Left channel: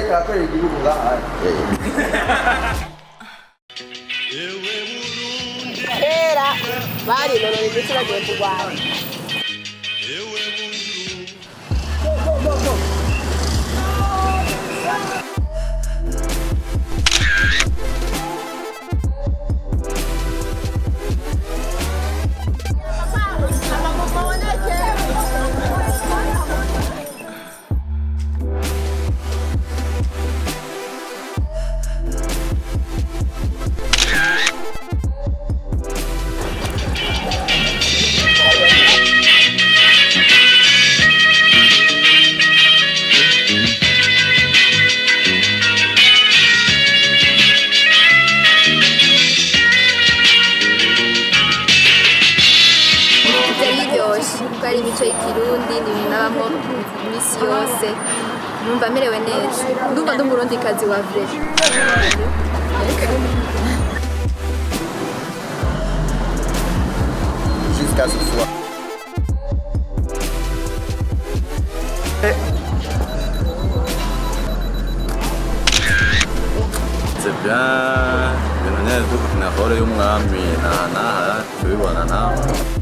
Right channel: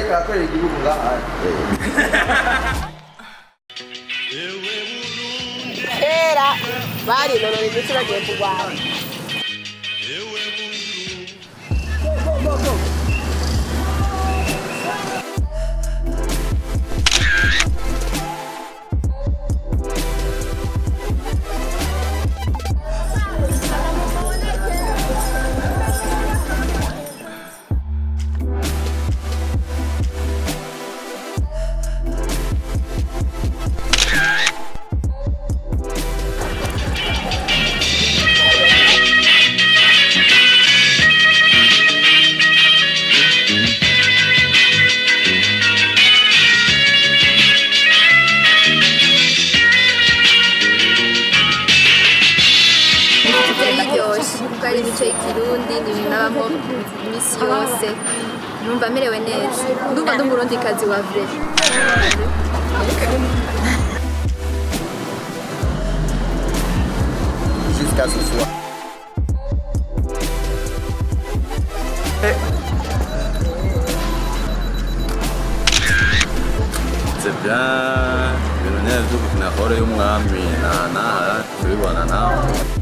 ariko arakorera igihugu ngaha. Kera barinonora imitsi bagiye kurwana. kuko ari imico y'ikirundi nabamo imisi yose numva merewe neza ndumva ndi umurundikazi wa vrai jusqu'à ce soir. C'est bien ibintu neza byo gukina hore y'umwami na tubibona nawe